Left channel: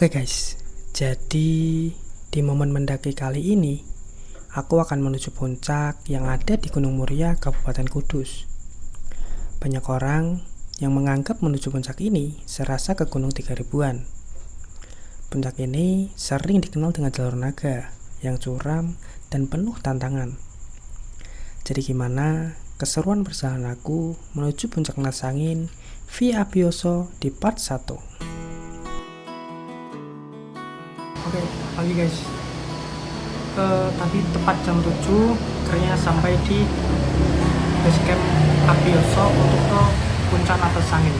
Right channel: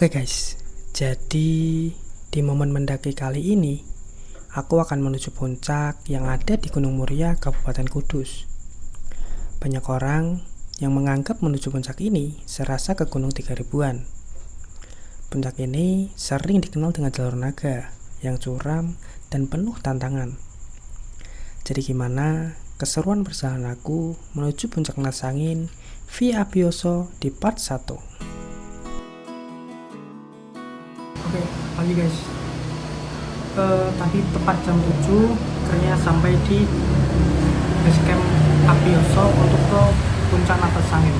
Oke guys, jadi di momen mendaki kali ini, aku akan menuju puncak yang ada di Gunung Muria, Kabupaten Kudus. Banyak orang yang menganggap menuju puncak ini serasa ke Gunung 3000-an. Puncak ini sering dikenal dengan jalur naga yang curam dan penuh tantangan. Jadi gimana keseruan perjalanan aku menuju puncak Nasangin via Abioso di part 1. Oke, pagi guys. Tadi tepat jam 7 akhirnya sampai di base camp Abioso untuk ke puncak Nasangin.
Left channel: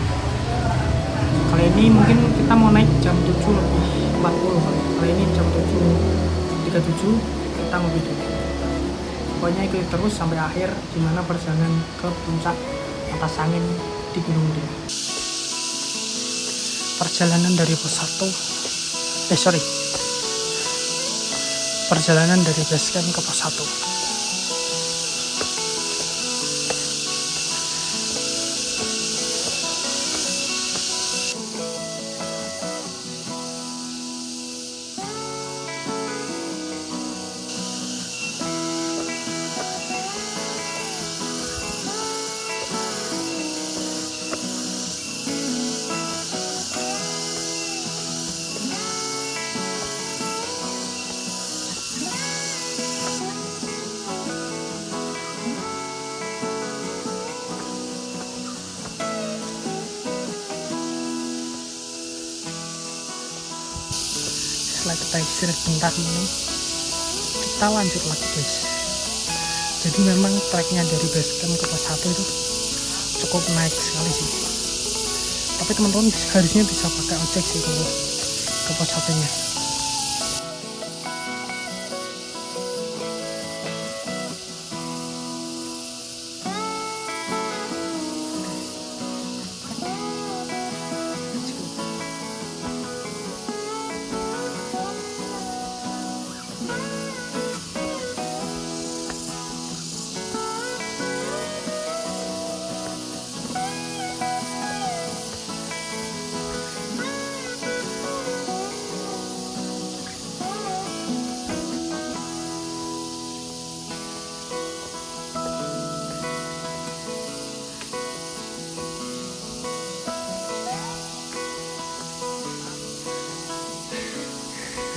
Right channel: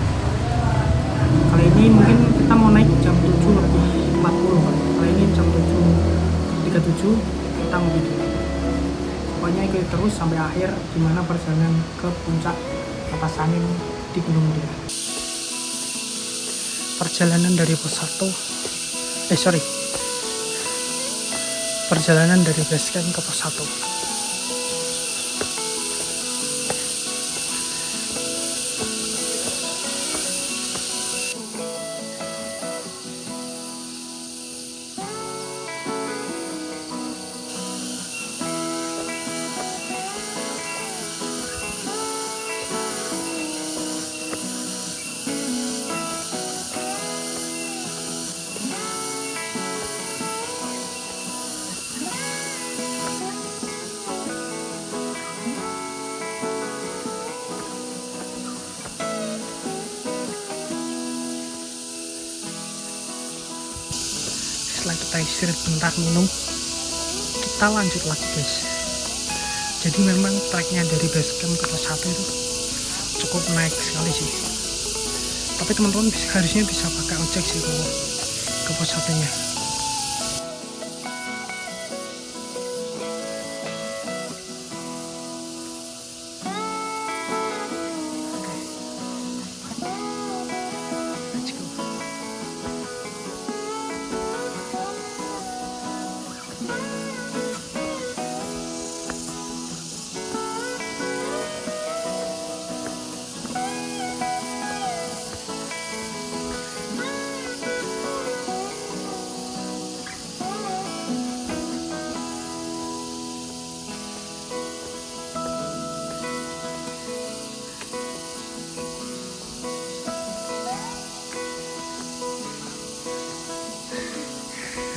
Kali ini mungkin kita mau naik jam 7 lebih 40 kali. Kali ini jam 7.37 kita ngopi dulu. Pokoknya ikuti terus sampai akhir gimana perjalanan ke puncak Nasangin di Gunung Muria. Perjalanan dari pos 1 perjalanan dari base camp ke pos 1. Setelah kita istirahat bentar minum, kita lanjut lagi guys. Jadi memang treknya dari base camp ke pos 1 itu cukup naik sekali sih. Tapi teman-teman harusnya bisa pakai ojek sih kalau ke pos 1 nya.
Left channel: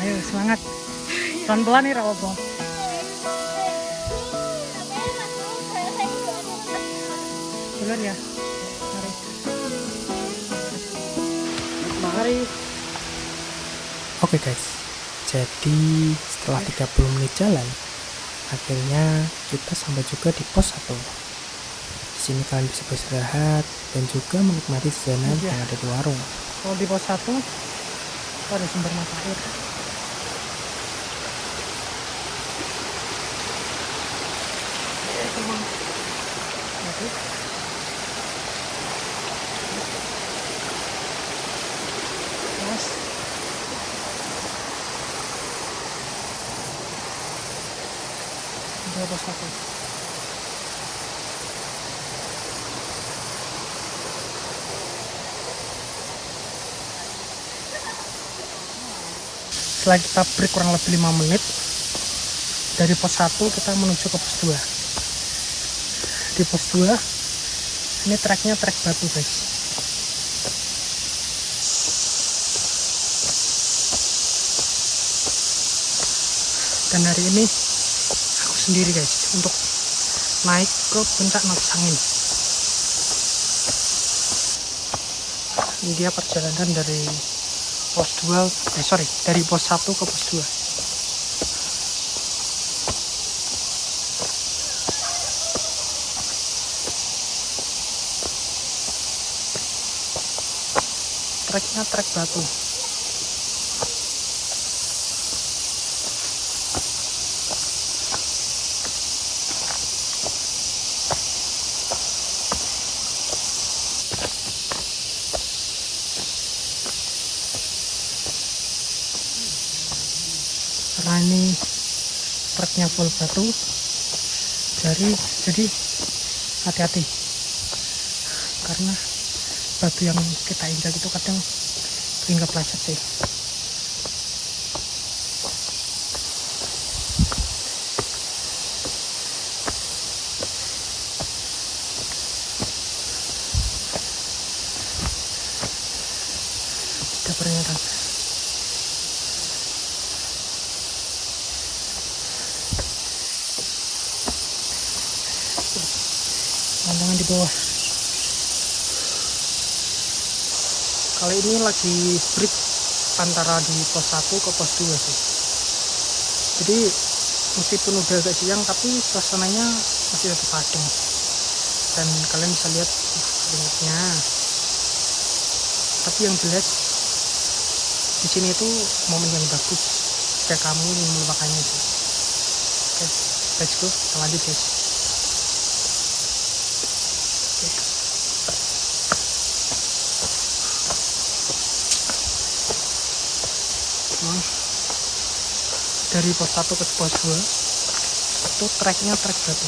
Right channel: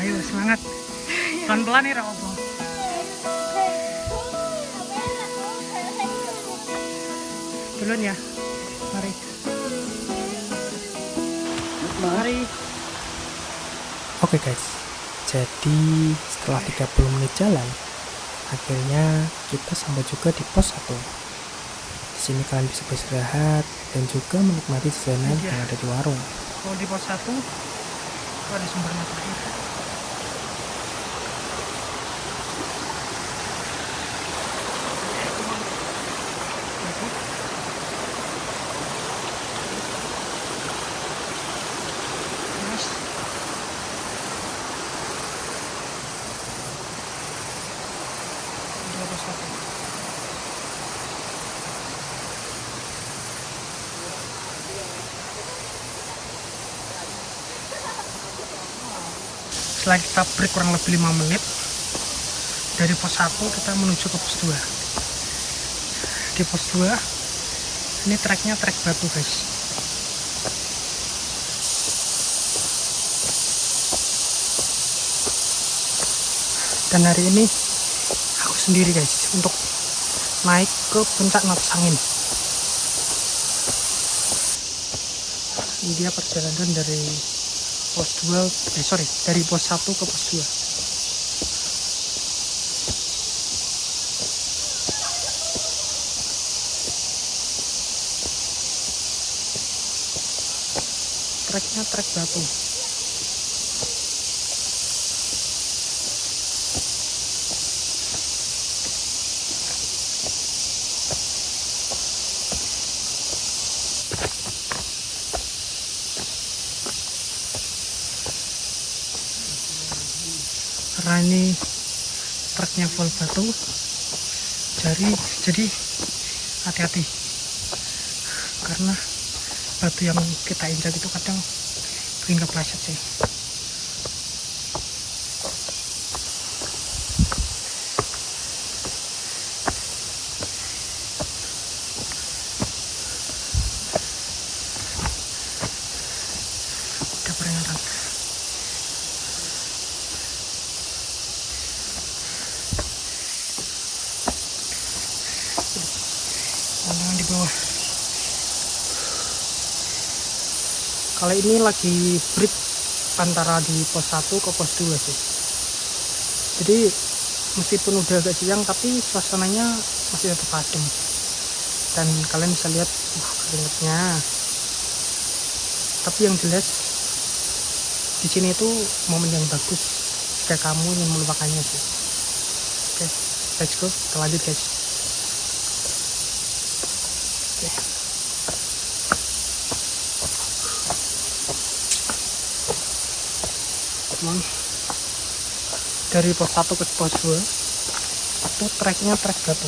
Ayo semangat, pelan-pelan nih Rawopo. Duluan ya, mari. Oke guys, jadi setelah 30 menit jalan, akhirnya kita sampai juga di pos 1. Di sini kalian bisa beristirahat dan juga menikmati jajanan yang ada di warung. Kalau di pos 1 ada sumber mata air. Setelah kita break kurang lebih 5 menit dari pos 1 kita menuju ke pos 2. Di pos 2 ini treknya trek batu guys. Dan hari ini aku sendiri guys untuk naik ke puncak Nasangin. Ini dia perjalanan dari pos 2, dari pos 1 ke pos 2. Treknya trek batu. Karena ini treknya full batu, jadi hati-hati karena batu yang kita injak itu kadang sering kepleset sih. kedengeran. Tantangan di bawah. Kali ini lagi break antara di pos 1 ke pos 2 sih. Jadi meskipun udah agak siang tapi suasananya masih tetap adem. Dan kalian bisa lihat keringetnya. Tapi yang jelas di sini itu momen yang bagus jika kamu ingin melupakannya sih. Oke, let's go, kita lanjut guys. Oke. Emang dari pos 1 ke pos 2 itu treknya trek batu,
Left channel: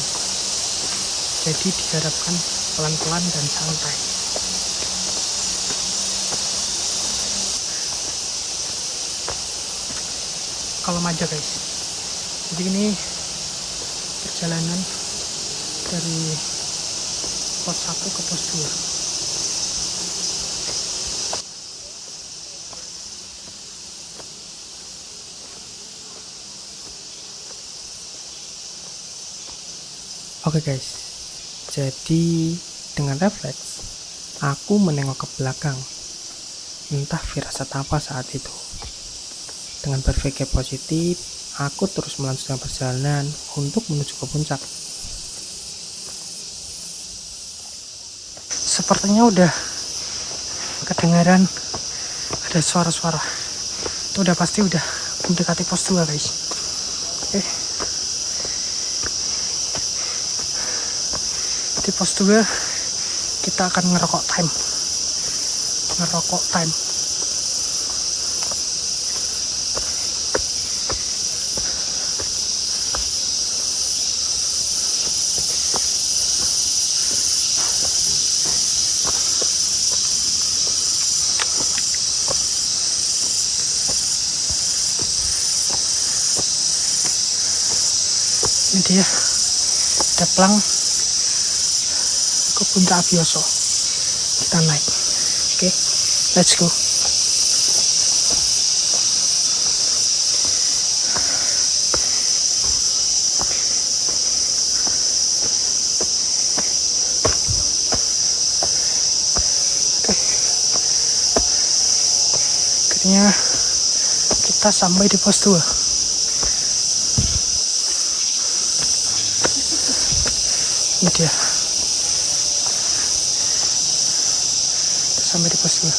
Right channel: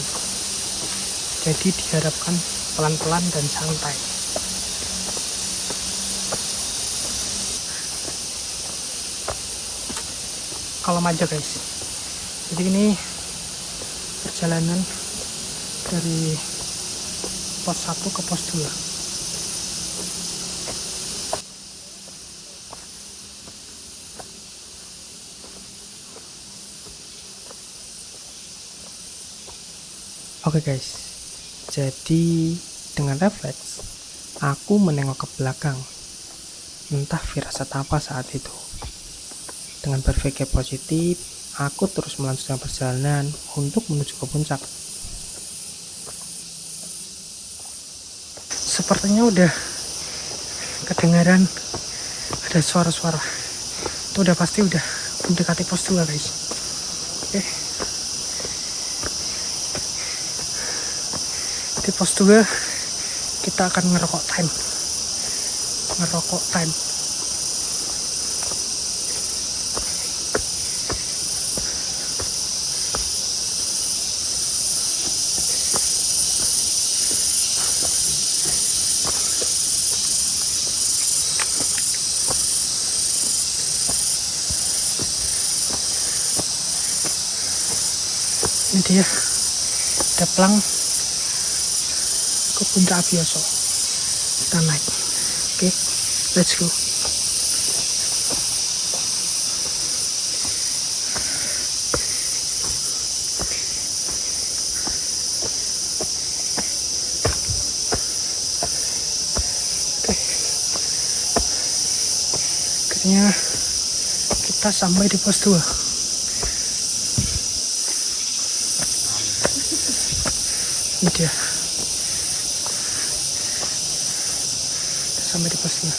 jadi diharapkan pelan-pelan dan santai. Kalem aja guys. Jadi ini perjalanan dari pos 1 ke pos 2. Oke guys, jadi dengan refleks aku menengok ke belakang. Entah firasat apa saat itu. Dengan berpikir positif, aku terus melanjutkan perjalanan untuk menuju ke puncak. Sepertinya udah kedengaran ada suara-suara. Itu udah pasti udah mendekati pos 2 guys. Oke. Di pos 2 kita akan ngerokok time. Ini dia deplang ke puncak Abioso. Kita naik. Oke, let's go. Oke. Akhirnya kita sampai di pos 2. Ini dia. Sampai di pos 2.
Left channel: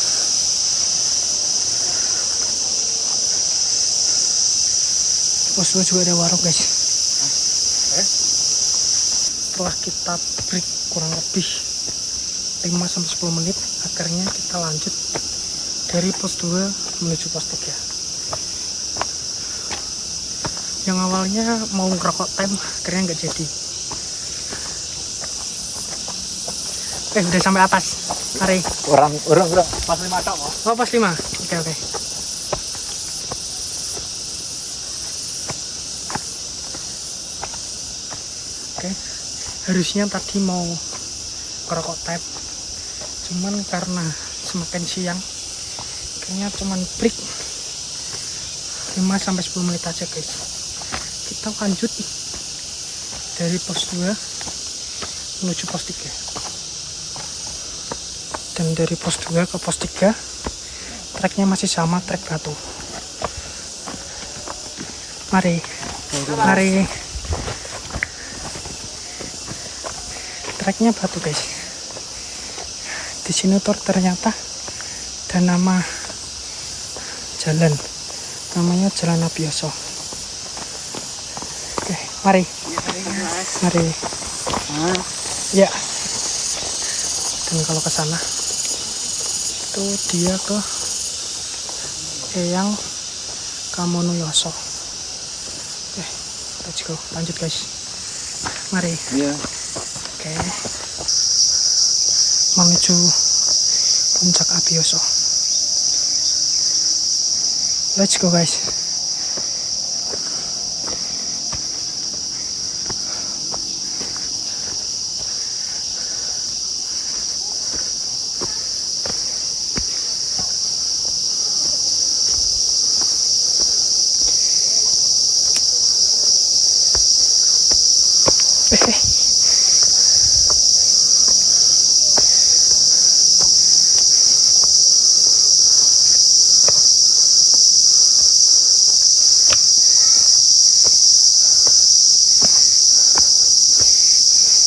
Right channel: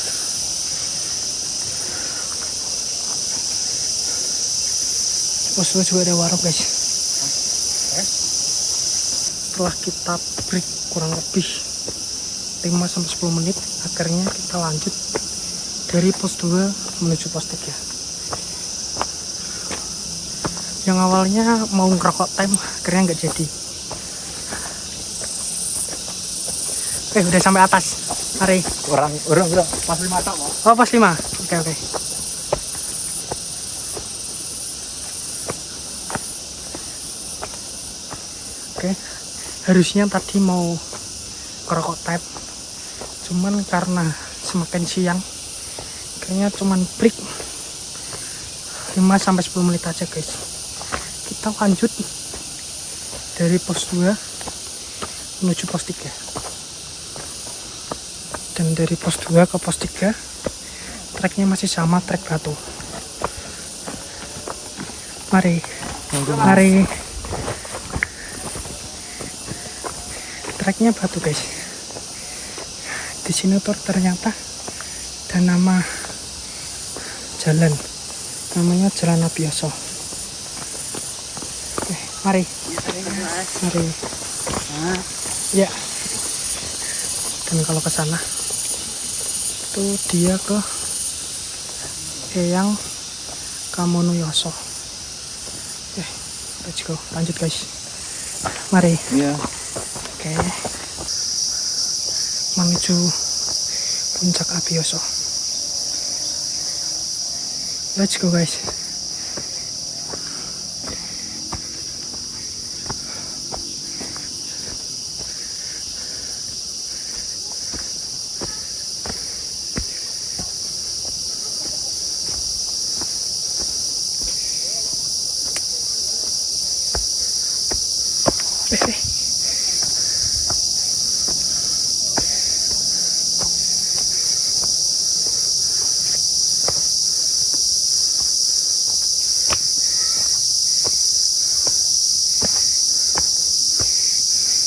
Di pos 2 juga ada warung guys. Setelah kita break kurang lebih 5-10 menit, akhirnya kita lanjut dari pos 2 menuju pos 3. Yang awalnya mau ngerokok time, akhirnya nggak jadi. Udah sampai atas. Mari. Orang pas 5 tok, Pak. Oh, pas 5. Oke. Oke. Harusnya tadi mau ngerokok time. Cuman karena semakin siang, kayaknya cuman break 5-10 menit aja, guys. Kita lanjut dari pos 2 menuju pos 3. Dan dari pos 2 ke pos 3 treknya masih sama, trek batu. Mari. Treknya batu guys. Di sini tuh ternyata ada nama jalan, namanya Jalan Abioso. Oke, mari. Ya. Dan kalau ke sana itu dia ke Eyang Kamonoyoso. Oke, let's go. Lanjut guys. Mari. Iya. Oke. Menuju puncak Abioso. Let's go guys.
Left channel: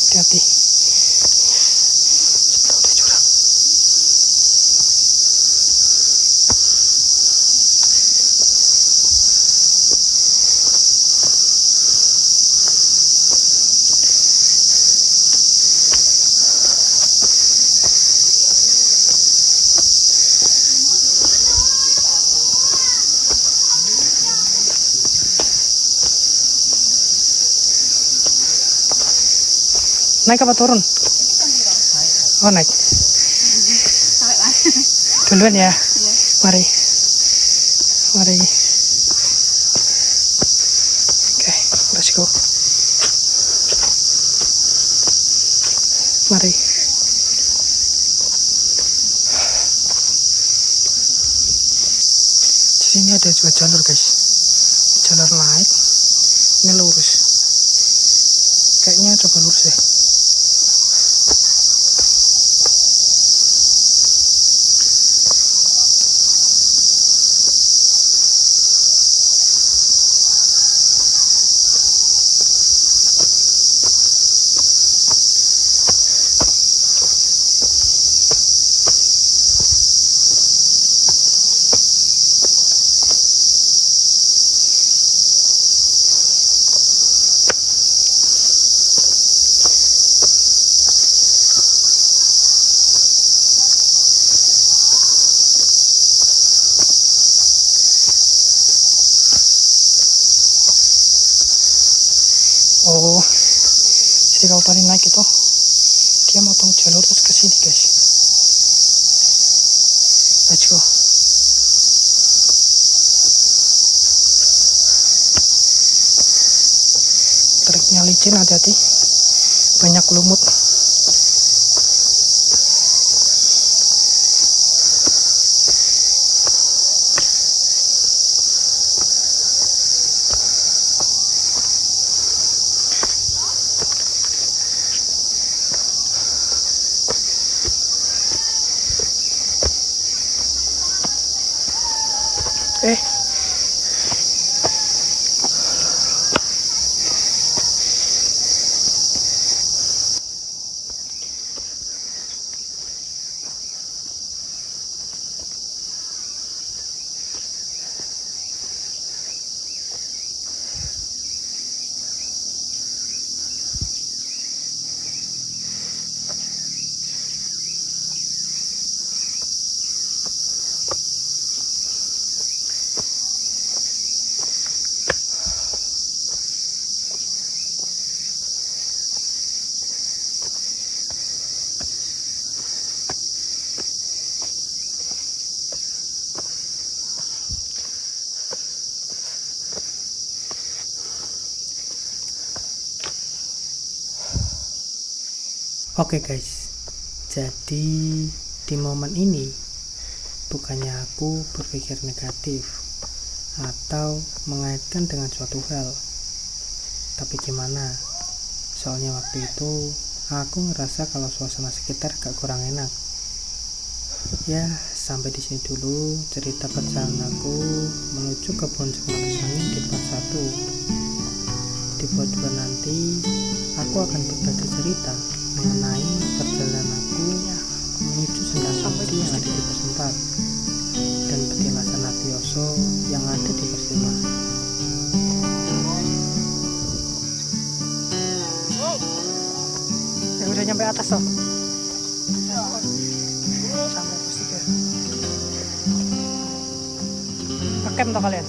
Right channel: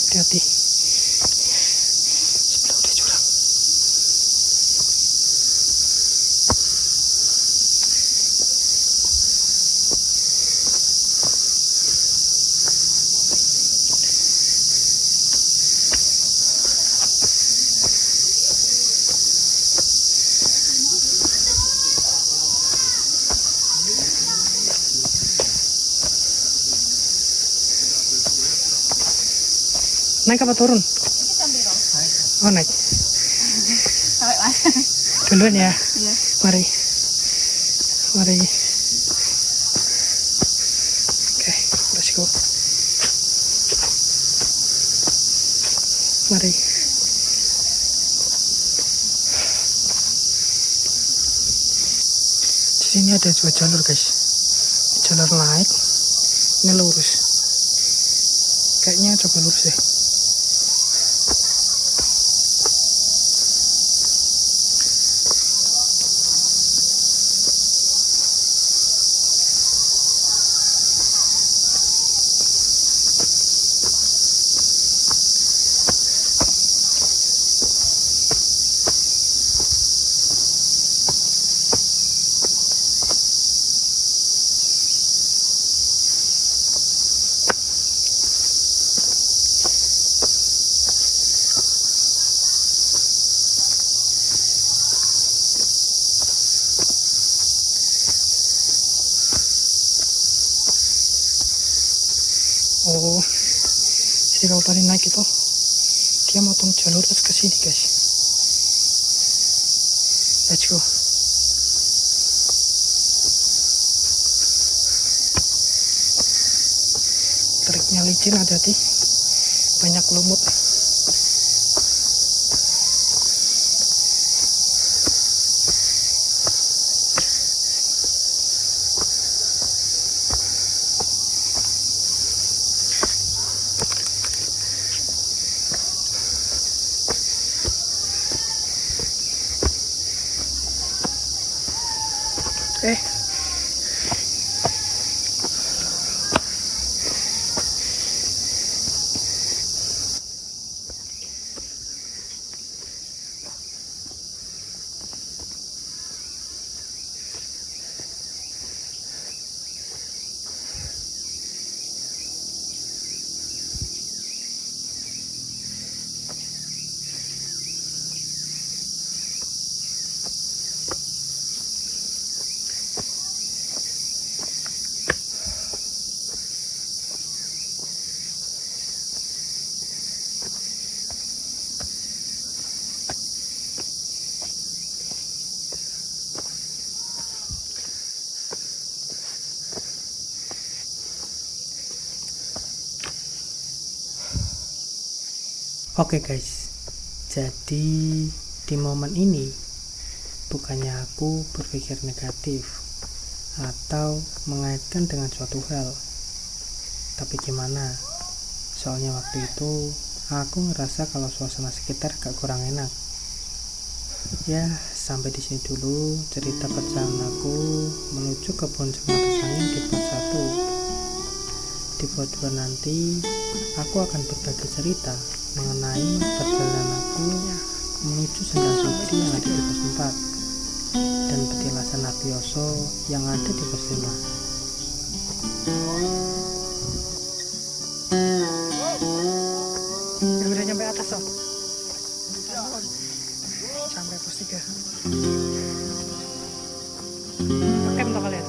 Hati-hati. Sebelah ada jurang. Naik apa turun? Oh, naik. Duluan ya. Mari. Mari. Oke, let's go. Mari. Di sini ada dua jalur, guys. Jalur naik. Ini lurus. Kayaknya coba lurus deh. Oh, jadi kalau tadi naik itu dia motong jalur terus ke sini, guys. Let's go. Treknya licin, hati-hati. Banyak lumut. Oke guys, jadi di momen ini bukannya aku berpikir negatif atau mengaitkan dengan suatu hal, tapi gimana, soalnya waktu itu aku ngerasa kalau suasana sekitar gak kurang enak. Ya, sampai di sini dulu cerita perjalananku menuju kebun Cemara Angin di part 1. Di part 2 nanti aku akan berbagi cerita mengenai perjalanan aku menuju Sendang Suci yang ada di pos 4 dan petilasan Abioso yang ada di pos 5. Ya udah nyampe atas toh. Sampai pos 3. Ngecamp toh kalian?